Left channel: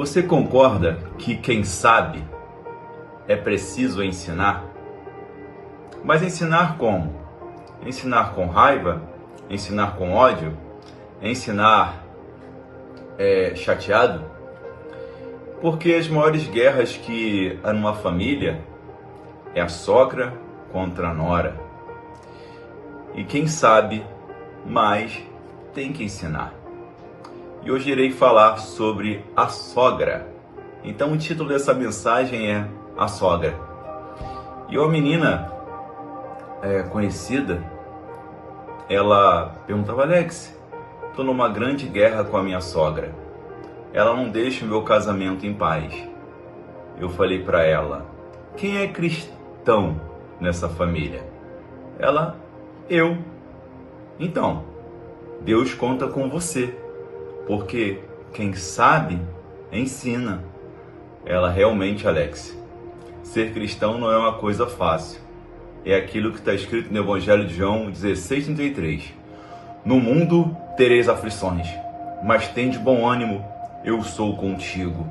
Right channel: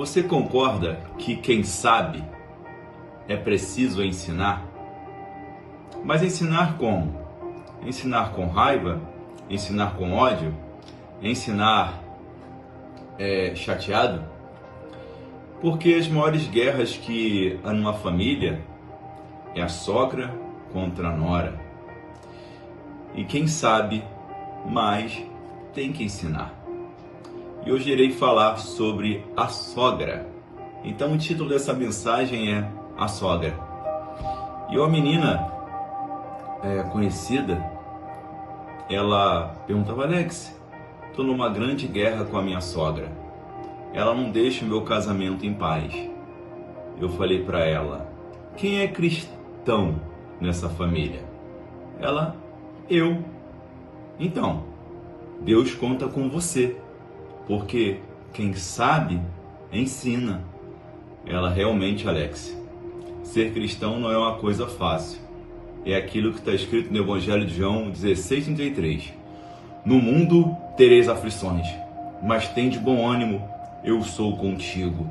Você concorda que quem sabe é preciso ensinar? Mas ensinar como? Ensinar com raiva? Ensinar com ódio? Ensinar chateado? Porque as maiores guerras que há numa família é a sogra contra a nora. E quem sabe mais tem que ensinar. E hoje irei falar sobre a sogra. Então o título dessa mensagem é A Sogra. E uma menina conhecida, ela perguntava: Alex, estou numa grande guerra com a minha sogra. Ela não deixa o meu casamento em paz. Eu falei para ela: quem é cristão nessa família? Ela: eu. Então, Deus conta com você. Porque quem sabe, ensina. Ela: realmente, Alex, ser cristão não é uma coisa fácil. É aquilo que está escrito no Evangelho de João 16:33. No mundo tereis aflições, mas tende bom ânimo, eu sou contigo.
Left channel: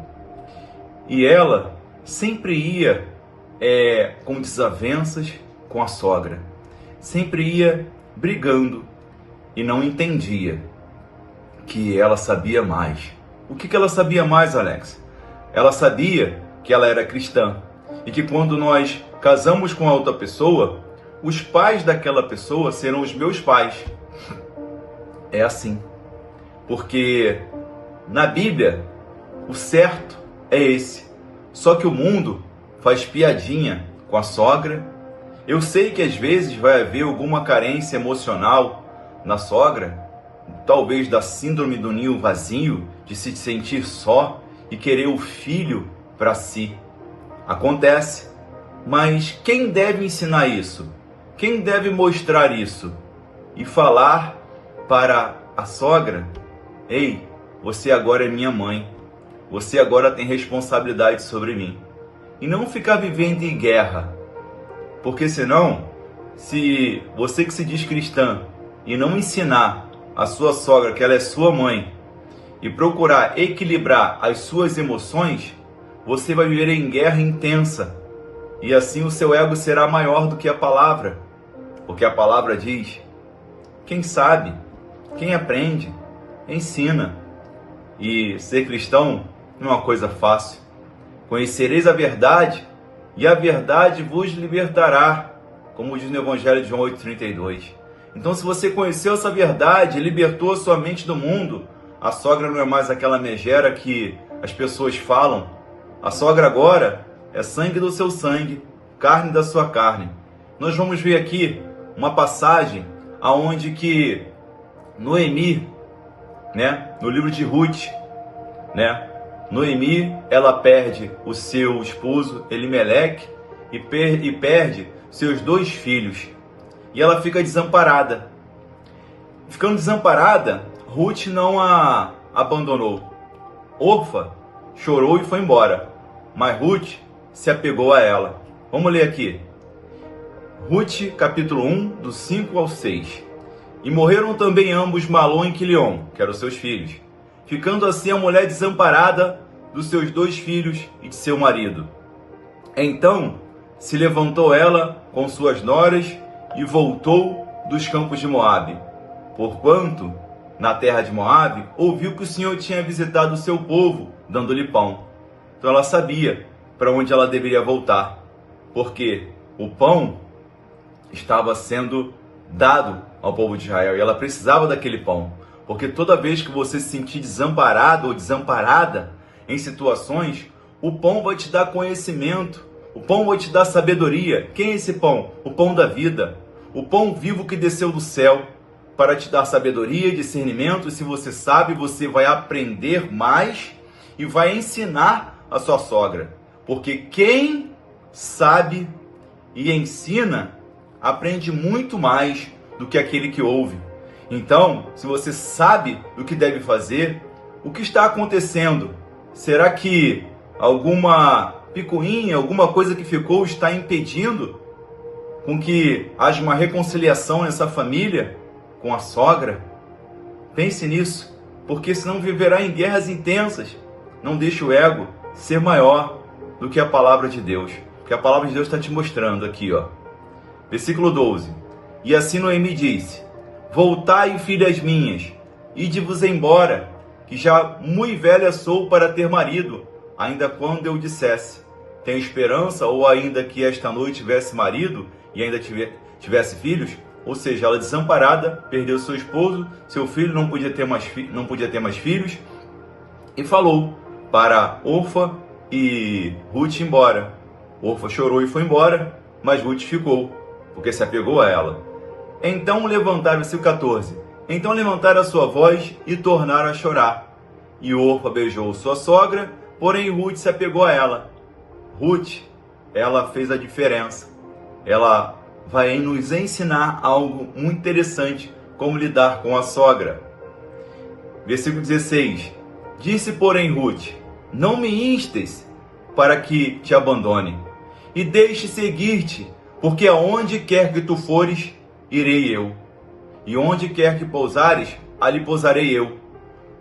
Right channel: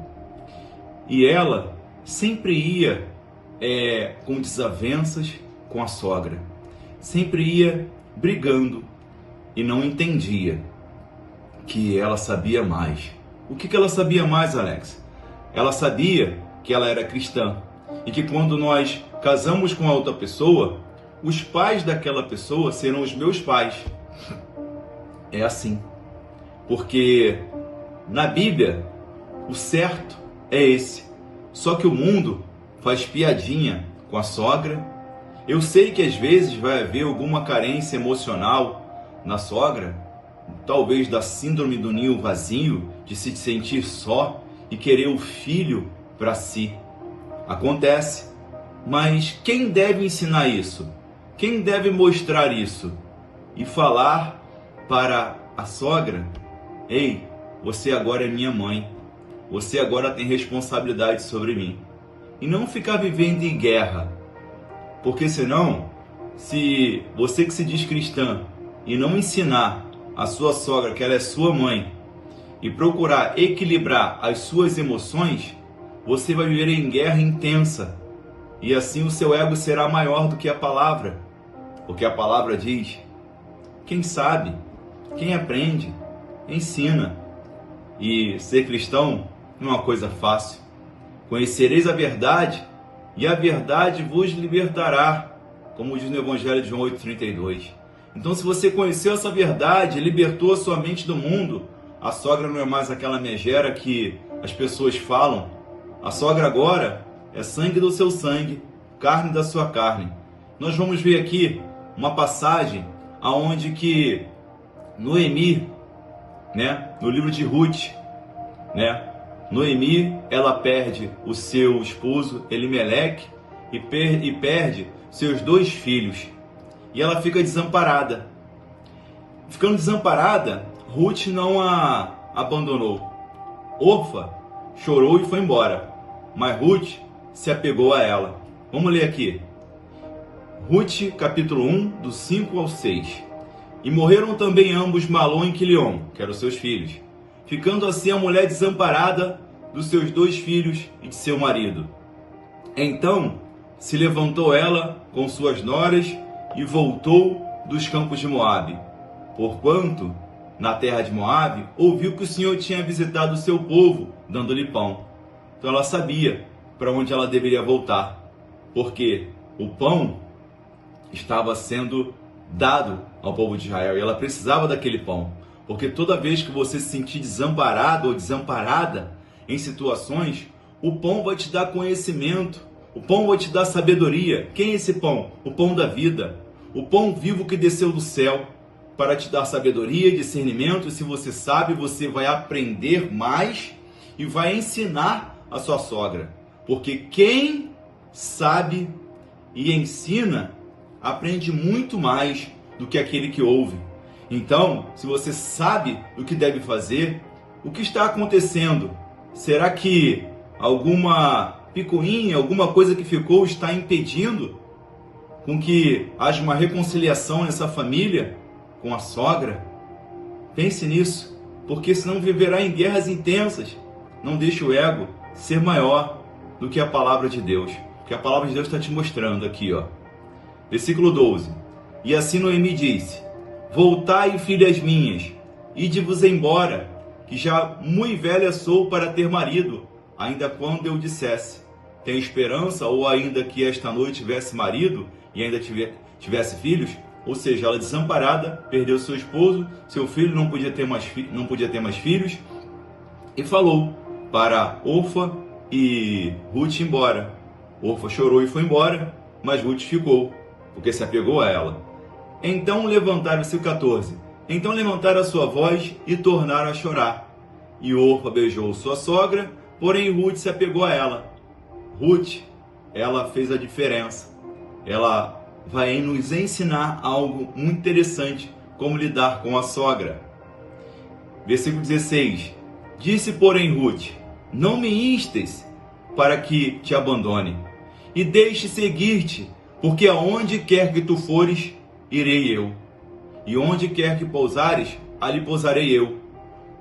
E ela sempre ia com desavenças com a sogra. Sempre ia brigando e não entendia que ela sabia mais. O que ela sabia mais, Alex? Ela sabia que ela era cristã e que quando nós casamos com a outra pessoa, os pais daquela pessoa serão os meus pais. É assim. Porque na Bíblia, o certo é esse. Só que o mundo faz piadinha com a sogra. Eu sei que às vezes vai haver alguma carência emocional na sogra, talvez da síndrome do ninho vazio, de se sentir só e querer o filho para si. Acontece. Mas quem deve ensinar isso? Quem deve mostrar isso? E falar para a sogra: ei, você agora é minha mãe. Você agora tem responsabilidade sobre mim. E não ficar vivendo em guerra. Porque senão, se você que se diz cristã e não ensinar a sua sogra que ela é sua mãe e procurar equilibrar as suas emoções, você vai viver em guerra intensa. E assim o seu ego será maior do que a palavra. Porque a palavra diz: quem sabe, quem aprende, ensina. E ser cristão não é uma coisa fácil. Conhecereis a verdade e a verdade vos libertará, como diz no Evangelho de João 8:32. Então, se você conheceu essa verdade, libertou a sua mente do mundo, a sogra não é mais aquela megera que as pessoas falam. A sogra agora é sangue do seu sangue, carne da sua carne. Nós vamos ver aqui uma passagem aonde que Noemi, no livro de Ruth, Noemi, ela perde o seu esposo Elimeleque e perde seus 2 filhos. E ela fica desamparada. Ficando desamparada, Ruth não a abandonou. Orfa chorou e foi embora, mas Ruth se apegou a ela. Vamos ler aqui. Ruth, capítulo 1, do 5 ao 6. E morreram também ambos Malom e Quilion, que eram seus filhos, ficando assim a mulher desamparada dos seus 2 filhos e de seu marido. Então se levantou ela com suas noras e voltou dos campos de Moabe, porquanto na terra de Moabe ouviu que o Senhor tinha visitado o seu povo, dando-lhe pão. Então ela sabia para onde ela deveria voltar, porque o pão estava sendo dado ao povo de Israel e ela precisava daquele pão. Porque toda vez que você se sentir desamparado ou desamparada em situações, o pão vai te dar conhecimento, o pão vai te dar sabedoria. Quem é esse pão? O pão da vida, o pão vivo que desceu do céu para te dar sabedoria, discernimento. E se você sabe, você vai aprender mais e vai ensinar a sua sogra. Porque quem sabe e ensina, aprende muito mais do que aquele que ouve. Então, se você sabe o que deve fazer, o que está acontecendo? Será que alguma picuinha, alguma coisa que ficou está impedindo com que haja uma reconciliação nessa família com a sogra? Pense nisso, porque senão viverá em guerras intensas. Não deixe o ego ser maior do que a palavra de Deus. Porque a palavra de Deus está te mostrando aqui, ó. Versículo 12. E assim Noemi disse: Voltai, filhas minhas, ide-vos embora, que já muito velha sou para ter marido, ainda quando eu dissesse: tenho esperança, ou ainda que esta noite tivesse marido e ainda tivesse filhos. Ou seja, ela desamparada, perdeu seu esposo, seu filho não podia ter mais filhos, e falou para Orfa e Ruth ir embora. Orfa chorou e foi embora, mas Ruth ficou, porque se apegou a ela. Então levantaram, versículo 14, então levantaram a sua voz e tornaram a chorar. E Orfa beijou sua sogra, porém Ruth se apegou a ela. Ruth, ela fez a diferença. Ela vai nos ensinar algo muito interessante, como lidar com a sogra. Versículo 16. Disse, porém, Ruth: não me instes para que te abandone, e deixe seguir-te, porque aonde quer que tu fores, irei eu. E onde quer que pousares, ali pousarei eu.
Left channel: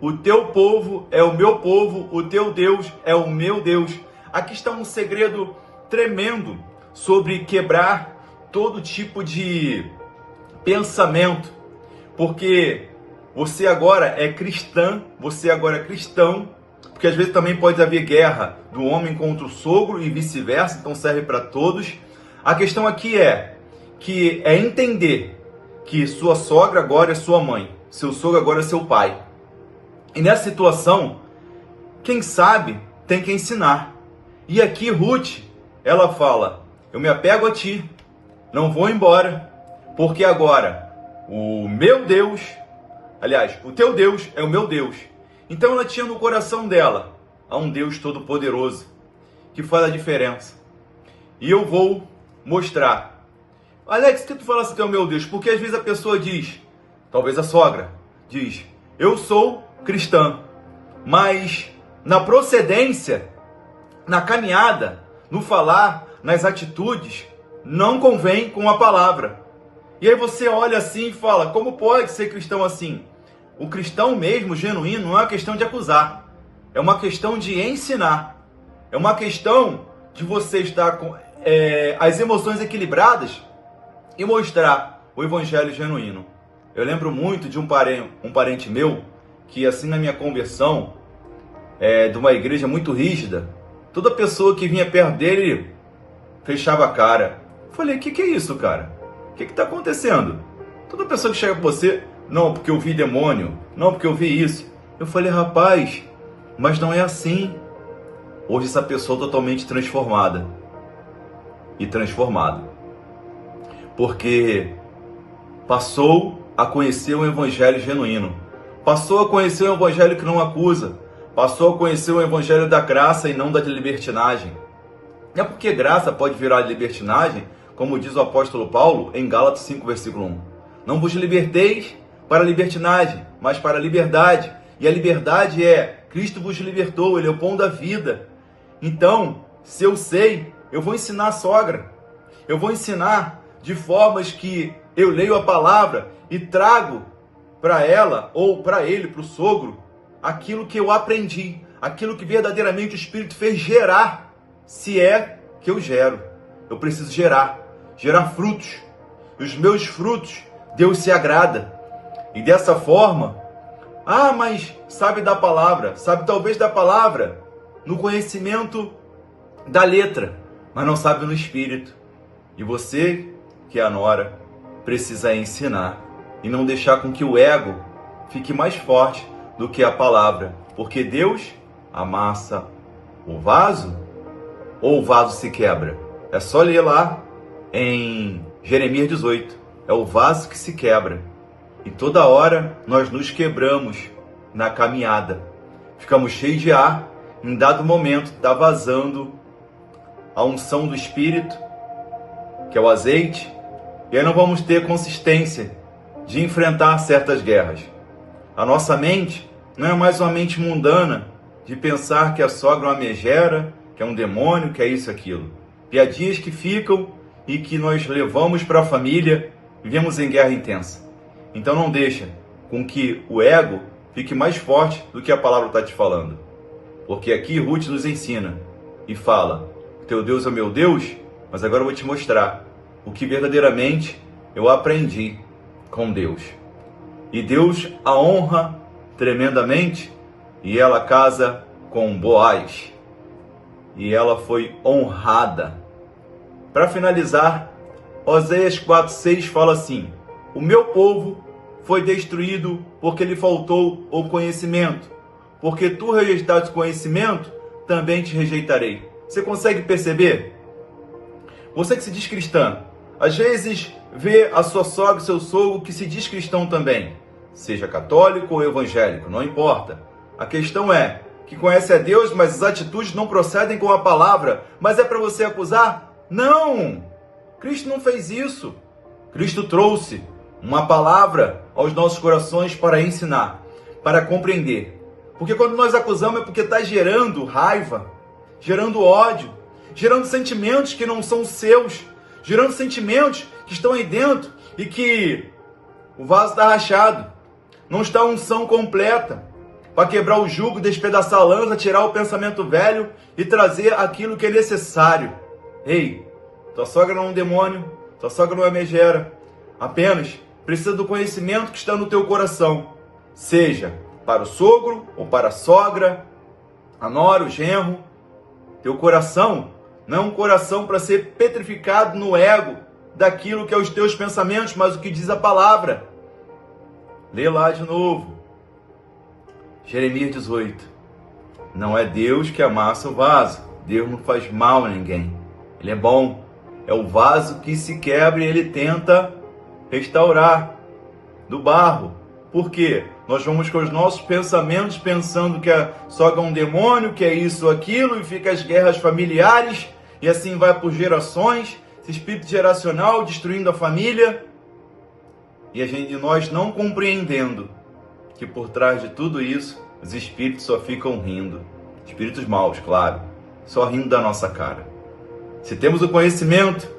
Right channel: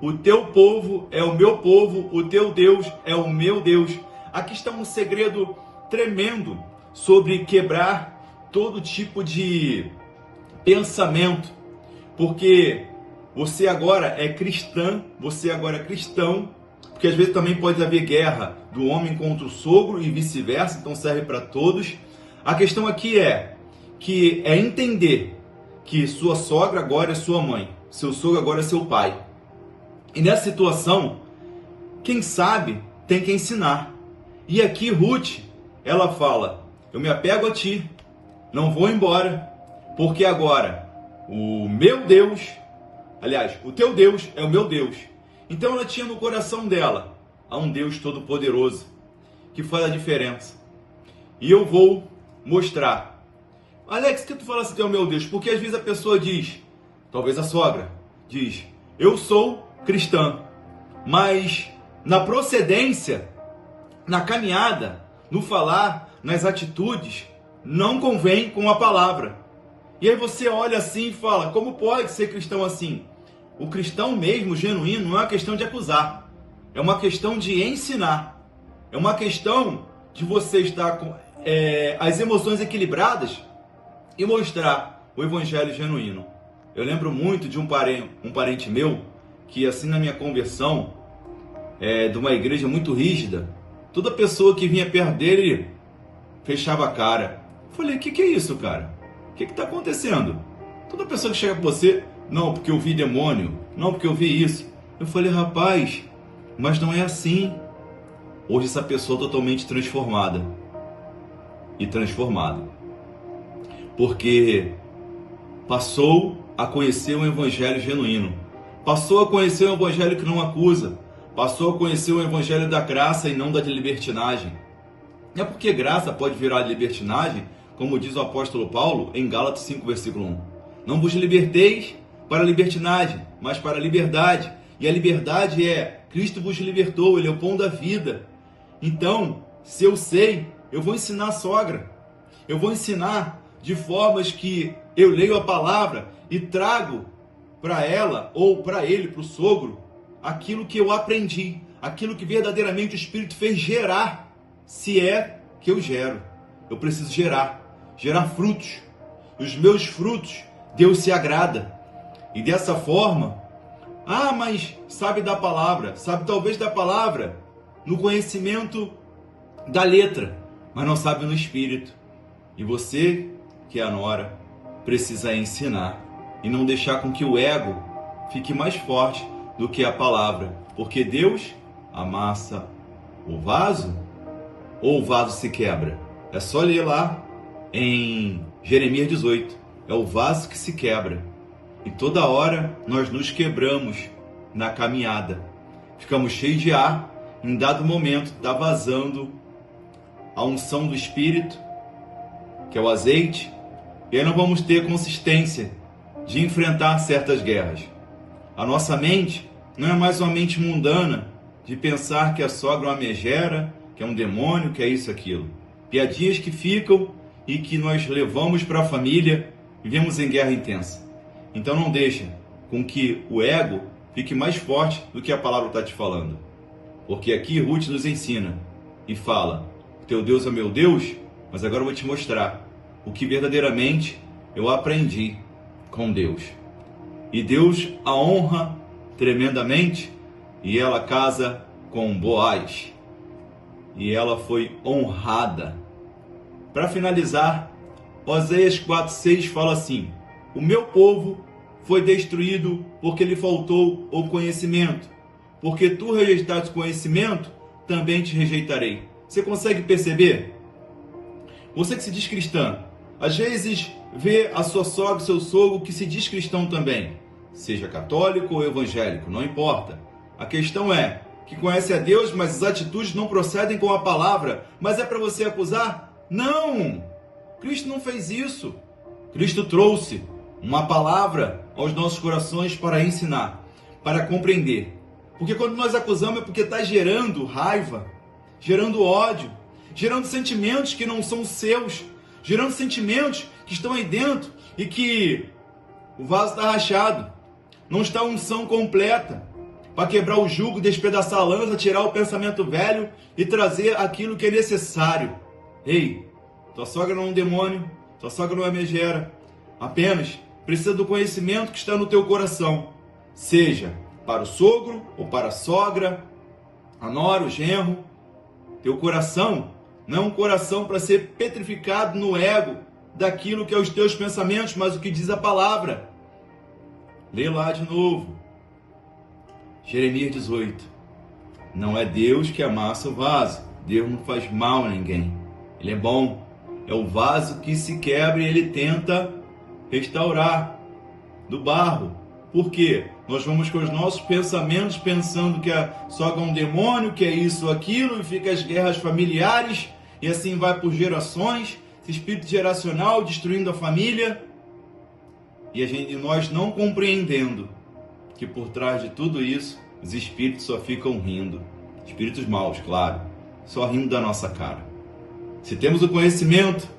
O teu povo é o meu povo, o teu Deus é o meu Deus. Aqui está um segredo tremendo sobre quebrar todo tipo de pensamento, porque você agora é cristã, você agora é cristão, porque às vezes também pode haver guerra do homem contra o sogro e vice-versa, então serve para todos. A questão aqui é entender que sua sogra agora é sua mãe, seu sogro agora é seu pai. E nessa situação, quem sabe tem que ensinar. E aqui Ruth, ela fala: eu me apego a ti, não vou embora, porque agora o meu Deus, aliás, o teu Deus é o meu Deus. Então ela tinha no coração dela há um Deus todo-poderoso que faz a diferença. E eu vou mostrar. Alex, que tu fala assim, tu é o meu Deus? Porque às vezes a pessoa diz, talvez a sogra, diz: eu sou cristã, mas na procedência, na caminhada, no falar, nas atitudes, não convém com a palavra. E aí você olha assim e fala: como pode ser cristão assim? O cristão mesmo, genuíno, não é uma questão de acusar. É uma questão de ensinar. É uma questão de você estar com as emoções equilibradas e mostrar o evangelho genuíno. Eu lembro muito de um parente meu que, assim, na minha conversão, de uma igreja muito rígida, toda pessoa que vinha perto dele fechava a cara. Falei: o que é isso, cara? O que está acontecendo? Toda pessoa que chega para você: não, porque eu vi demônio, não, porque eu vi isso. Eu falei: rapaz, mas não é assim. Hoje essa pessoa é totalmente transformada. E transformada. Porque passou a conhecer um evangelho genuíno. Passou a conhecer um evangelho que não acusa. Passou a conhecer o evangelho da graça e não da libertinagem. É porque graça pode virar libertinagem, como diz o apóstolo Paulo em Gálatas 5, versículo 1. Não vos liberteis para a libertinagem, mas para a liberdade. E a liberdade é: Cristo vos libertou, Ele é o pão da vida. Então, se eu sei, eu vou ensinar a sogra. Eu vou ensinar de formas que eu leio a palavra e trago para ela, ou para ele, para o sogro, aquilo que eu aprendi, aquilo que verdadeiramente o Espírito fez gerar, se é que eu gero. Eu preciso gerar frutos. E os meus frutos, Deus se agrada. E dessa forma, mas sabe da palavra, sabe talvez da palavra, no conhecimento da letra, mas não sabe no Espírito. E você, que é a nora, precisa ensinar e não deixar com que o ego fique mais forte do que a palavra, porque Deus amassa o vaso ou o vaso se quebra. É só ler lá em Jeremias 18, é o vaso que se quebra. E toda hora nós nos quebramos na caminhada, ficamos cheios de ar, em dado momento está vazando a unção do Espírito, que é o azeite, e aí não vamos ter consistência de enfrentar certas guerras. A nossa mente não é mais uma mente mundana de pensar que a sogra é uma megera, que é um demônio, que é isso e aquilo. Piadinhas que ficam e que nós levamos para a família, vivemos em guerra intensa. Então não deixa com que o ego fique mais forte do que a palavra está te falando. Porque aqui Ruth nos ensina e fala: teu Deus é meu Deus, mas agora eu vou te mostrar o que verdadeiramente eu aprendi com Deus. E Deus a honra tremendamente, e ela casa com Boaz. E ela foi honrada. Para finalizar, Oséias 4:6 fala assim: o meu povo foi destruído porque lhe faltou o conhecimento. Porque tu rejeitaste o conhecimento, também te rejeitarei. Você consegue perceber? Você que se diz cristã, às vezes vê a sua sogra e seu sogro que se diz cristão também. Seja católico ou evangélico, não importa. A questão é que conhece a Deus, mas as atitudes não procedem com a palavra. Mas é para você acusar? Não! Cristo não fez isso. Cristo trouxe uma palavra aos nossos corações para ensinar, para compreender. Porque quando nós acusamos é porque está gerando raiva, gerando ódio, gerando sentimentos que não são seus, gerando sentimentos que estão aí dentro e que o vaso está rachado, não está a unção completa para quebrar o jugo, despedaçar a lança, tirar o pensamento velho e trazer aquilo que é necessário. Ei, tua sogra não é um demônio, tua sogra não é megera, apenas precisa do conhecimento que está no teu coração, seja para o sogro ou para a sogra, a nora, o genro. Teu coração não é um coração para ser petrificado no ego daquilo que é os teus pensamentos, mas o que diz a palavra. Lê lá de novo. Jeremias 18. Não é Deus que amassa o vaso. Deus não faz mal a ninguém. Ele é bom. É o vaso que se quebra e ele tenta restaurar do barro. Por quê? Nós vamos com os nossos pensamentos pensando que a sogra é um demônio, que é isso ou aquilo, e fica as guerras familiares, e assim vai por gerações, esse espírito geracional destruindo a família, e nós não compreendendo que por trás de tudo isso, os espíritos só ficam rindo. Espíritos maus, claro, só rindo da nossa cara. Se temos o conhecimento,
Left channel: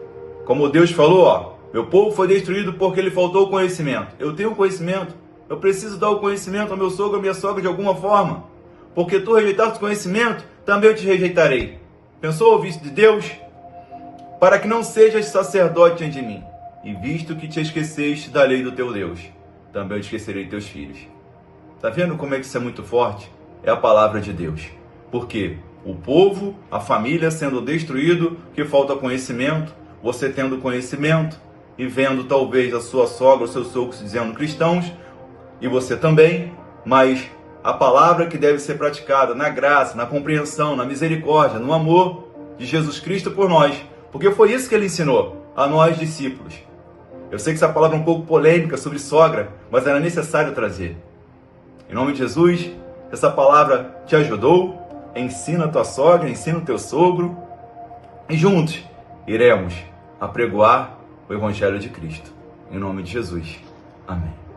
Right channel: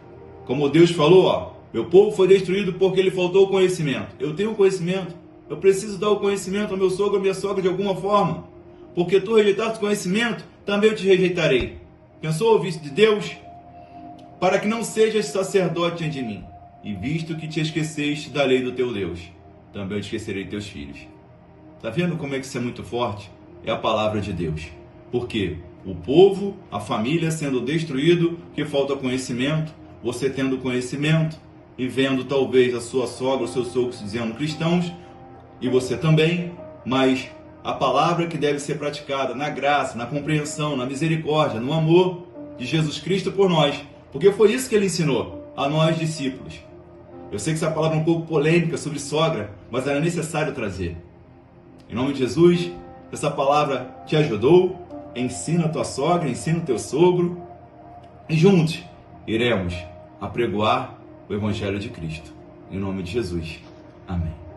como Deus falou, ó, meu povo foi destruído porque lhe faltou o conhecimento. Eu tenho conhecimento. Eu preciso dar o conhecimento ao meu sogro, à minha sogra de alguma forma. Porque tu rejeitaste o conhecimento, também eu te rejeitarei. Pensou ouvir isso de Deus? Para que não sejas sacerdote diante de mim. E visto que te esqueceste da lei do teu Deus, também eu esquecerei teus filhos. Está vendo como é que isso é muito forte? É a palavra de Deus. Porque o povo, a família sendo destruído, que falta conhecimento, você tendo conhecimento e vendo talvez a sua sogra, o seu sogro se dizendo cristãos, e você também, mas a palavra que deve ser praticada na graça, na compreensão, na misericórdia, no amor de Jesus Cristo por nós, porque foi isso que ele ensinou a nós discípulos. Eu sei que essa palavra é um pouco polêmica sobre sogra, mas era necessário trazer. Em nome de Jesus, essa palavra te ajudou, ensina a tua sogra, ensina o teu sogro, e juntos iremos apregoar o Evangelho de Cristo. Em nome de Jesus. Amém.